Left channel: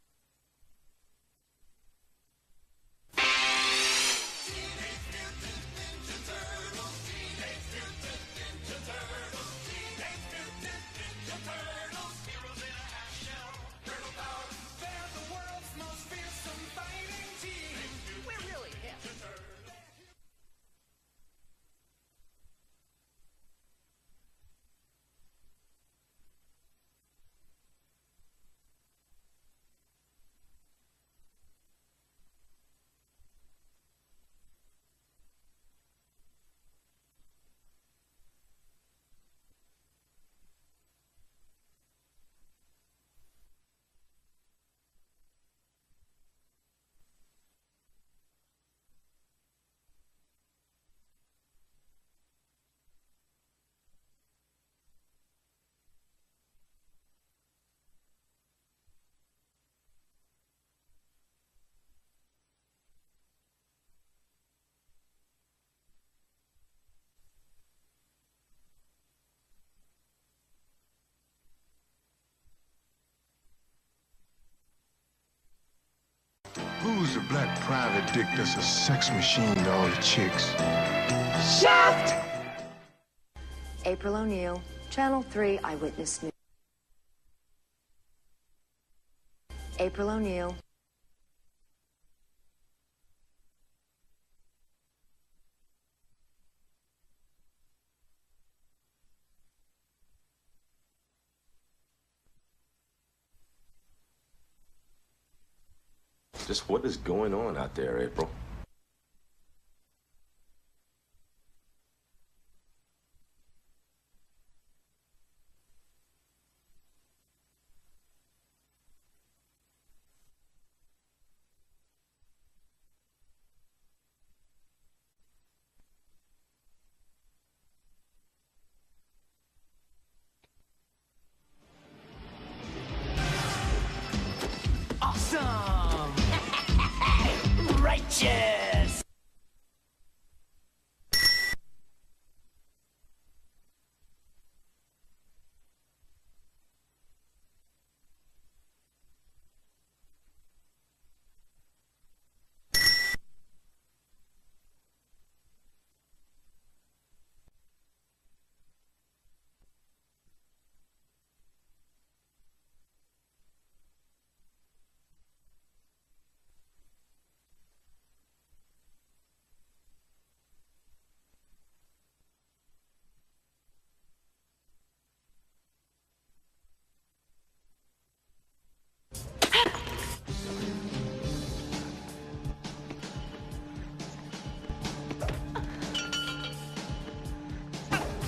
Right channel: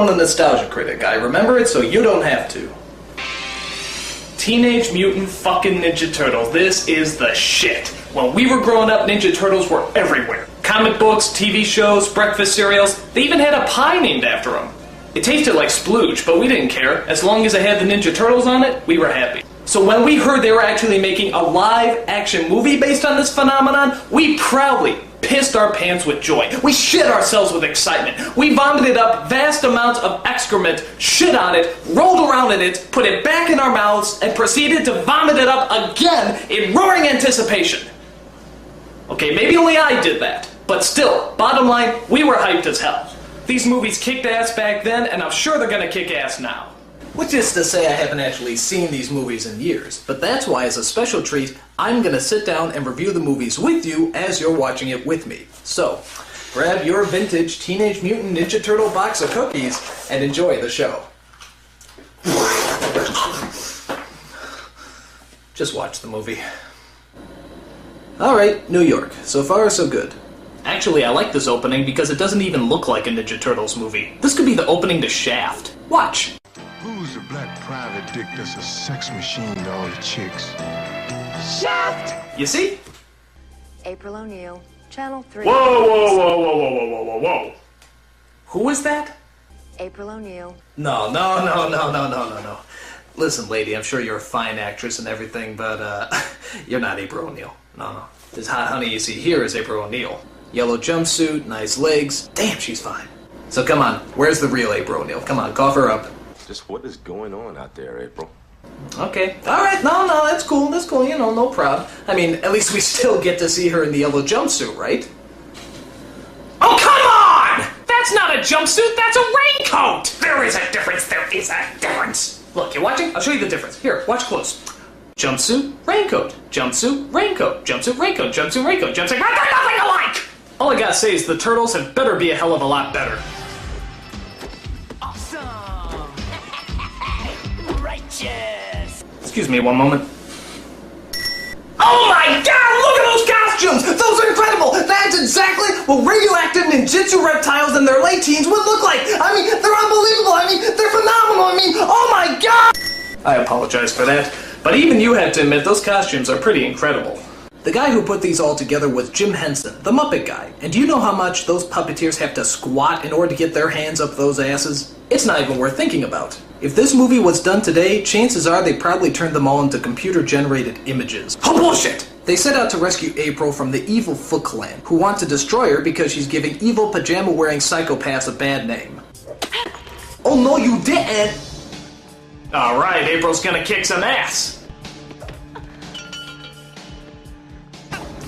from the Nostalgia Critic. I remember it so you don't have to. Teenage Mutant fucking Ninja Turtles. This is the shit. When we were growing up, Ninja Turtles were everywhere. Comic books, TV shows, breakfast cereals. They even had a pie named after them. It tasted like splooge, but we didn't care. As long as it had the Ninja Turtles on it, we were happy. So when we heard they were actually making a live-action movie based on this phenomenon, we proudly pissed our pants with joy. We shit ourselves with excitement. We vomited up vast amounts of excrement, shit on it, rolled around in it, put it back in our mouths, and proceeded to vomit it up again in roaring anticipation. Okay, maybe only I did that, but still, bottom line, we were hyped as hell. These movies kicked ass back then, and I'm sure they're gonna kick ass now. Which is to say I haven't actually seen these movies in years, but that's why as a special treat, I'm gonna sit down and review the movies with you as you're watching it with me. So, grab your vintage Teenage Mutant Ninja Turtle box of cookies and enjoy the show. Just watch the movie. Alright, New York. So far, so good. Actually, I like this opening because it doesn't even look like a Ninja Turtles movie. This could be the opening to Shaft. Watch. Who's the black private dick that's a sex machine to all the chicks? Shaft! You see? April O'Neil, Channel 3. Whoa, whoa, whoa, whoa, whoa, whoa, whoa, whoa, whoa. Who is that? April O'Neil. No. Listen, lady, I'm sure you're a fine actress and everything, but, you're not April O'Neil. No. This hot honey you see here is April O'Neil. Yellow jumpsuit, nice legs. Damn, she's fine. So come on, where's the real April O'Neil? Come on, cough her up. Just what is going on out there, April? Okay. Alright, no, that's cool, you know, no problem. I mean, at least we still get to see her in the yellow jumpsuit, right? Oh, come on! That's not a jumpsuit, that's a raincoat! There is a difference. Look, you watching? I'll show you the difference. Here, watch close. Jumpsuit, raincoat, jumpsuit, raincoat, jumpsuit, raincoat, jumpsuit, raincoat, jumpsuit, raincoat, nothing alike! All I gotta say is the Turtles had better be a hell of a lot better. Awesome! Righteous! Excuse me one moment. Oh my god, look at those costumes! Those are incredible! That's exactly what radioactive ninjutsu reptiles in their late teens would look like! I mean, they're unbelievable! I mean, they're phenomenal! I mean, oh my god! I apologize for that, but even you have to admit those costumes are pretty incredible. The guy who put these all together was Jim Henson, the Muppet guy. And do you know how much those puppeteers have to squat in order to get their hands up those asses? It's not even worth thinking about. If this movie was done today, chances are they probably turned them all into computer-generated images. Oh, bullshit! They set out to rescue April from the evil Foot Clan, who want to destroy her because she's giving evil pajama-wearing psychopaths a bad name. Oh no, you didn't! Alright, April's gonna kick some ass.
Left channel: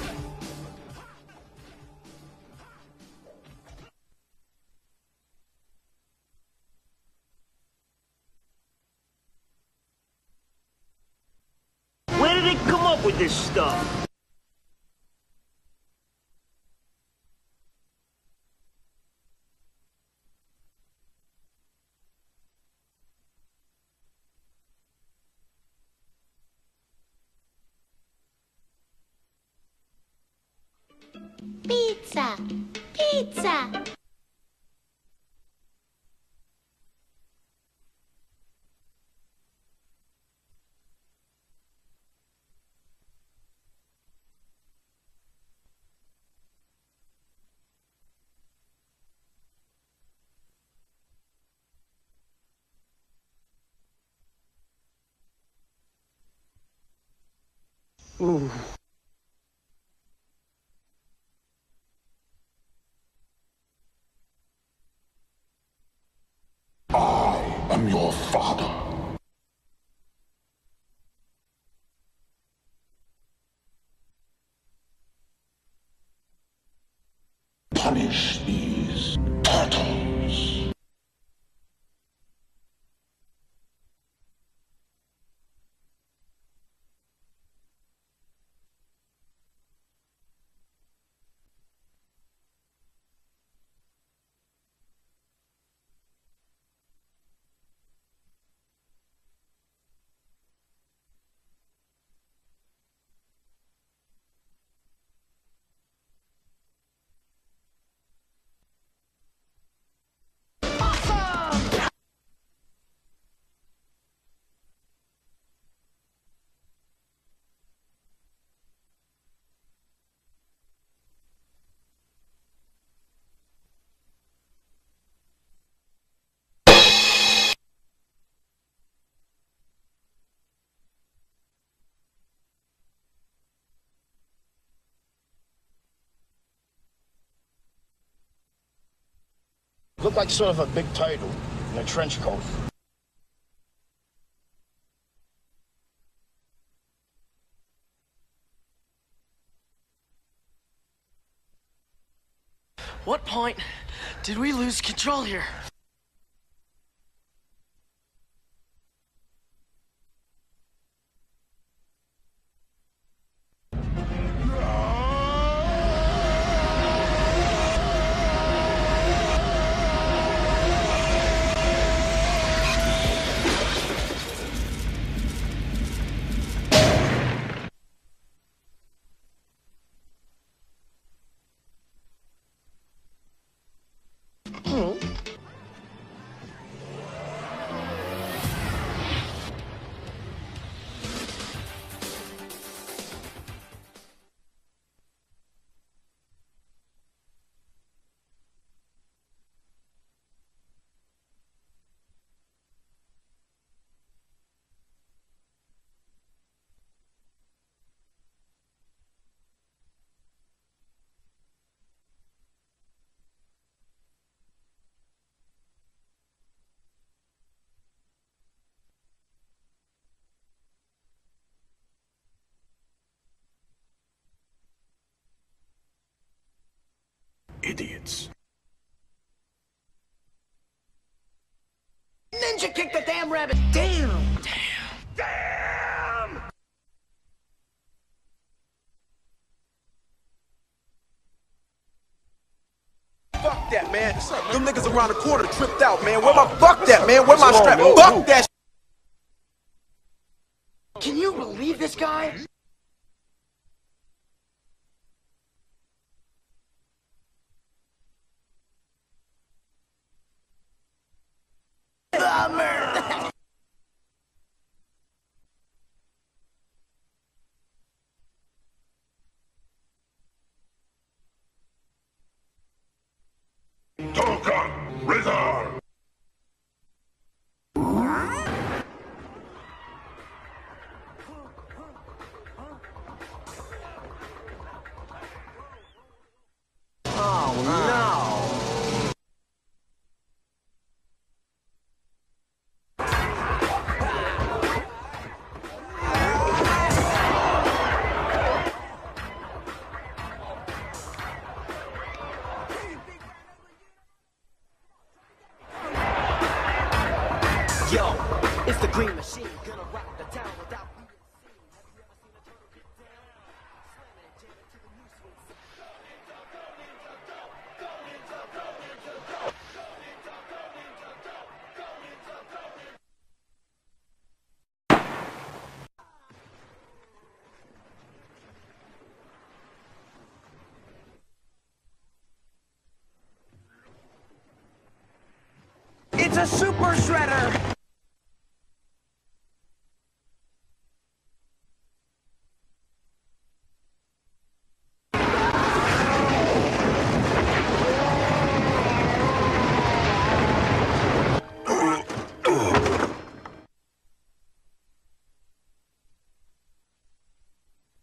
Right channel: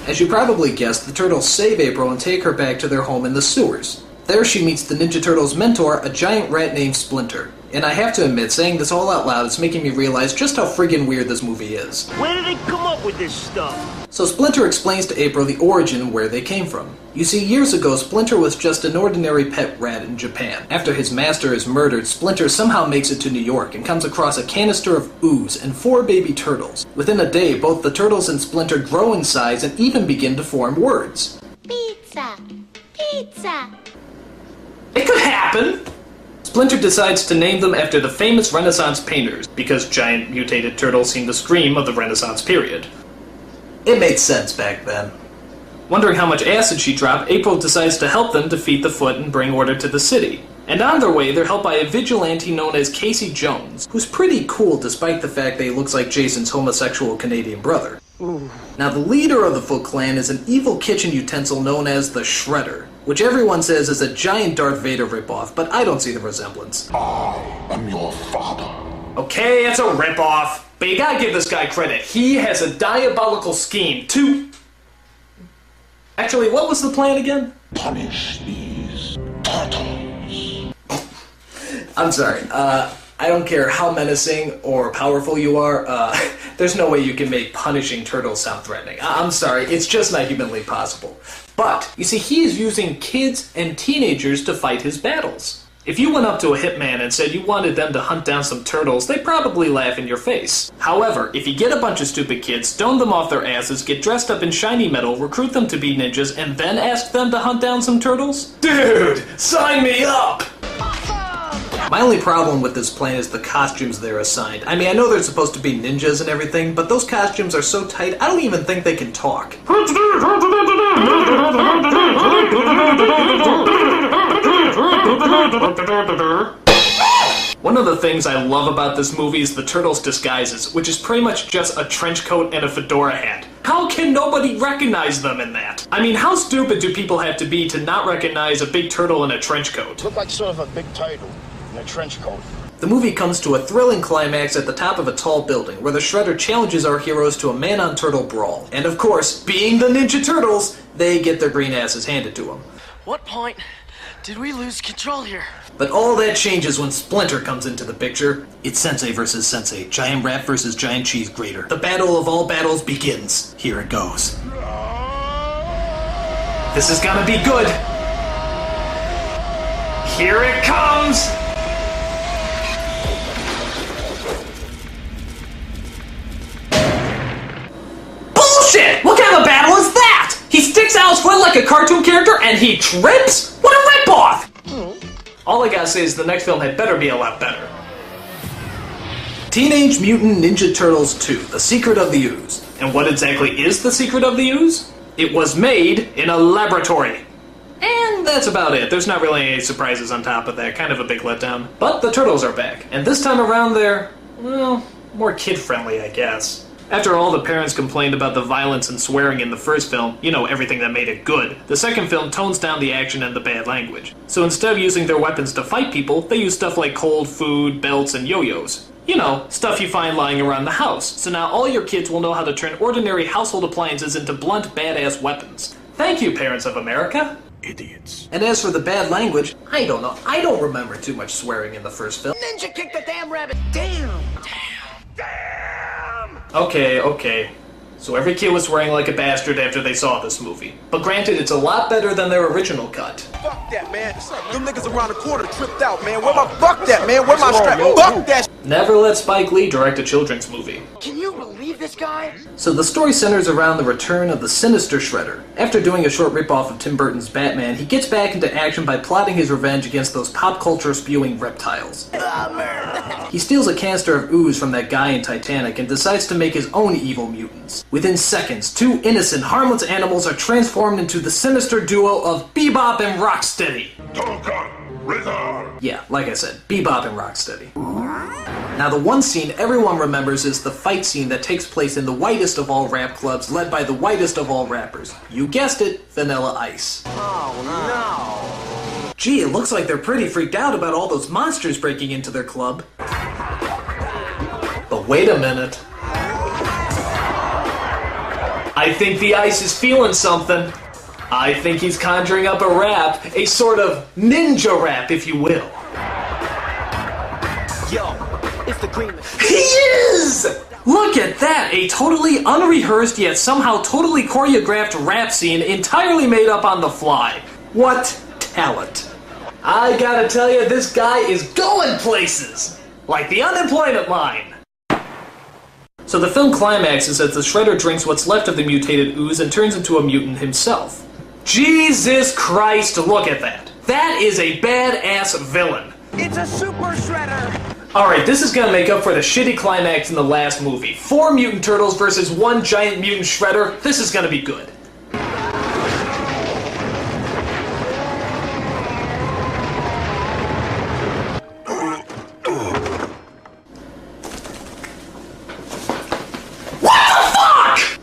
As you probably guessed, the Turtles save April and take her back to their home in the sewers. There she meets the Ninja Turtles' mentor, a giant rat named Splinter. And I have to admit, saying this all out loud is making me realize just how friggin' weird this movie is. Where did they come up with this stuff? So Splinter explains to April the origin and where they came from. You see, years ago, Splinter was just an ordinary pet rat in Japan. After his master is murdered, Splinter somehow makes it to New York and comes across a canister of ooze and 4 baby turtles. Within a day, both the turtles and Splinter grow in size and even begin to form words. Pizza! Pizza! It could happen! Splinter decides to name them after the famous Renaissance painters, because giant mutated turtles seem to scream of the Renaissance period. It made sense back then. Wondering how much acid she dropped, April decides to help them defeat the Foot and bring order to the city. And on their way, they're helped by a vigilante known as Casey Jones, who's pretty cool despite the fact that he looks like Jason's homosexual Canadian brother. Ooh. Now, the leader of the Foot Clan is an evil kitchen utensil known as the Shredder, which everyone says is a giant Darth Vader ripoff, but I don't see the resemblance. I am your father. Okay, it's a ripoff, but you gotta give this guy credit. He has a diabolical scheme to... Actually, what was the plan again? Punish these turtles. I'm sorry, I don't care how menacing or powerful you are, there's no way you can make punishing turtles sound threatening. I'm sorry, it's just not humanly possible. But, you see, he is using kids and teenagers to fight his battles. If you went up to a hitman and said you wanted them to hunt down some turtles, they'd probably laugh in your face. However, if you get a bunch of stupid kids, stone them off their asses, get dressed up in shiny metal, recruit them to be ninjas, and then ask them to hunt down some turtles? Dude, sign me up! Awesome! only problem with this plan is the costumes they're assigned. I mean, I know they're supposed to be ninjas and everything, but those costumes are so tight, I don't even think they can talk. One of the things I love about this movie is the Turtles' disguises, which is pretty much just a trench coat and a fedora hat. How can nobody recognize them in that? I mean, how stupid do people have to be to not recognize a big turtle in a trench coat? Look like sort of a big turtle in a trench coat. The movie comes to a thrilling climax at the top of a tall building, where the Shredder challenges our heroes to a man-on-turtle brawl. And of course, being the Ninja Turtles, they get their green asses handed to them. What point did we lose control here? But all that changes when Splinter comes into the picture. It's Sensei versus Sensei, giant rat versus giant cheese grater. The battle of all battles begins. Here it goes. This is gonna be good. Here it comes! Bullshit! What kind of a battle is that? He sticks out his foot like a cartoon character and he trips? What a ripoff! All I gotta say is the next film had better be a lot better. Teenage Mutant Ninja Turtles 2, The Secret of the Ooze. And what exactly is the secret of the ooze? It was made in a laboratory. And that's about it. There's not really any surprises on top of that. Kind of a big letdown. But the Turtles are back. And this time around they're, well, more kid-friendly, I guess. After all the parents complained about the violence and swearing in the first film, you know, everything that made it good, the second film tones down the action and the bad language. So instead of using their weapons to fight people, they use stuff like cold food, belts, and yo-yos. You know, stuff you find lying around the house. So now all your kids will know how to turn ordinary household appliances into blunt, badass weapons. Thank you, parents of America. Idiots. And as for the bad language, I don't know. I don't remember too much swearing in the first film. Ninja kicked the damn rabbit! Damn! Okay. So every kid was swearing like a bastard after they saw this movie. But granted, it's a lot better than their original cut. Fuck that, man. Them niggas around the corner tripped out, man. Where my fuck that, man? Where my strap? Fuck that. Never let Spike Lee direct a children's movie. Can you believe this guy? So the story centers around the return of the sinister Shredder. After doing a short ripoff of Tim Burton's Batman, he gets back into action by plotting his revenge against those pop culture spewing reptiles. He steals a canister of ooze from that guy in Titanic and decides to make his own evil mutants. Within seconds, two innocent, harmless animals are transformed into the sinister duo of Bebop and Rocksteady. Yeah, like I said, Bebop and Rocksteady. Now the one scene everyone remembers is the fight scene that takes place in the whitest of all rap clubs, led by the whitest of all rappers. You guessed it, Vanilla Ice. Oh no! Gee, it looks like they're pretty freaked out about all those monsters breaking into their club. But wait a minute. I think the Ice is feeling something. I think he's conjuring up a rap, a sort of ninja rap, if you will. Yo, it's the Green Machine. He is! Look at that, a totally unrehearsed yet somehow totally choreographed rap scene entirely made up on the fly. What talent. I gotta tell you, this guy is going places. Like the unemployment line. So the film climaxes as the Shredder drinks what's left of the mutated ooze and turns into a mutant himself. Jesus Christ, look at that. That is a badass villain. It's a super shredder! Alright, this is gonna make up for the shitty climax in the last movie. 4 mutant turtles versus 1 giant mutant shredder. This is gonna be good.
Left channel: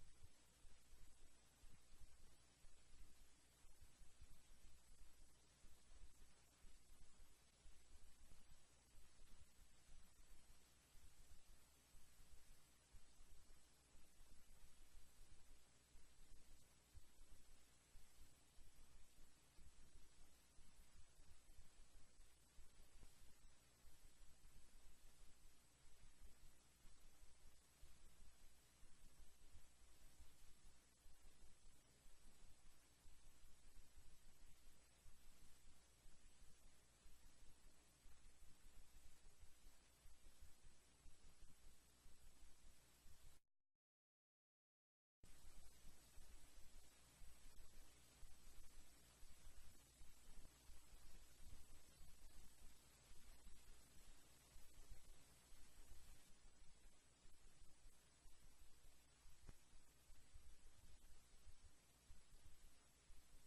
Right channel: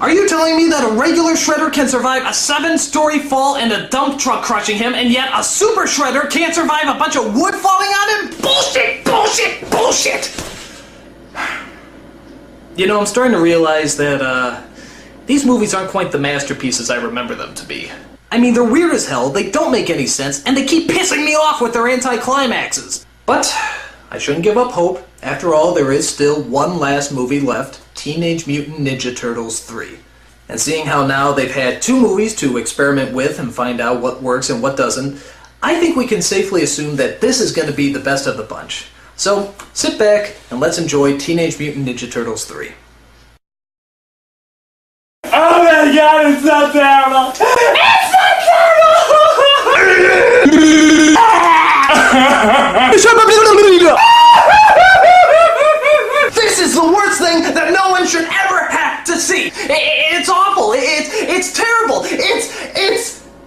Are you telling me that a regular Shredder can survive a 7-story fall and a dump truck crushing him, and yet a super Shredder can't survive a bunch of wood falling on him? Bullshit! Bullshit! Bullshit! You know, I'm starting to realize that, these movies aren't quite the masterpieces I remember them to be. I mean, they're weird as hell, they don't make any sense, and they keep pissing me off with their anti-climaxes. But I shouldn't give up hope. After all, there is still one last movie left, Teenage Mutant Ninja Turtles 3. And seeing how now they've had 2 movies to experiment with and find out what works and what doesn't, I think we can safely assume that this is going to be the best of the bunch. So, sit back and let's enjoy Teenage Mutant Ninja Turtles 3. oh my god, it's so terrible! It's so terrible! This is the worst thing that no one should ever have to see. It's awful. It's terrible.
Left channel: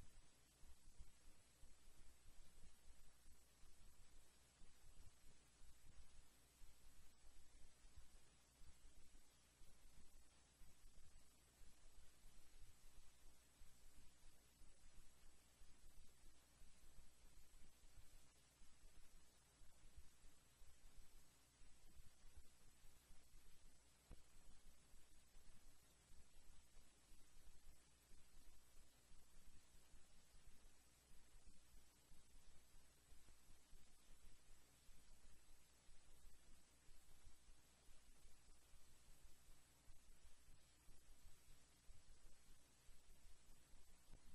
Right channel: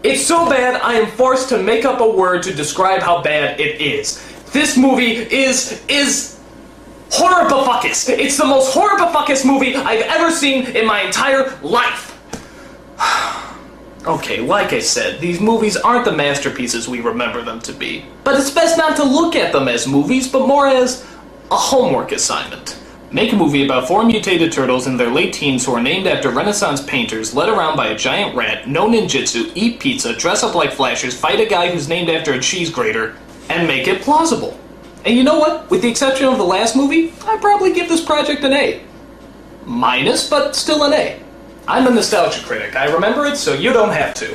It's so bad I am forced to make up a word to describe how bad it is. This movie is horribifuckus. It's the most horribifuckus movie I've ever seen in my entire life. Okay, like I said, these movies aren't the masterpieces we remember them to be. But it's best not to look at them as movies, but more as a homework assignment. Make a movie about 4 mutated turtles in their late teens who are named after Renaissance painters, led around by a giant rat, know ninjutsu, eat pizza, dress up like Flashers, fight a guy who's named after a cheese grater, and make it plausible. And you know what? With the exception of the last movie, I'd probably give this project an A. Minus, but still an A. I'm a nostalgia critic. I remember it, so you don't have to.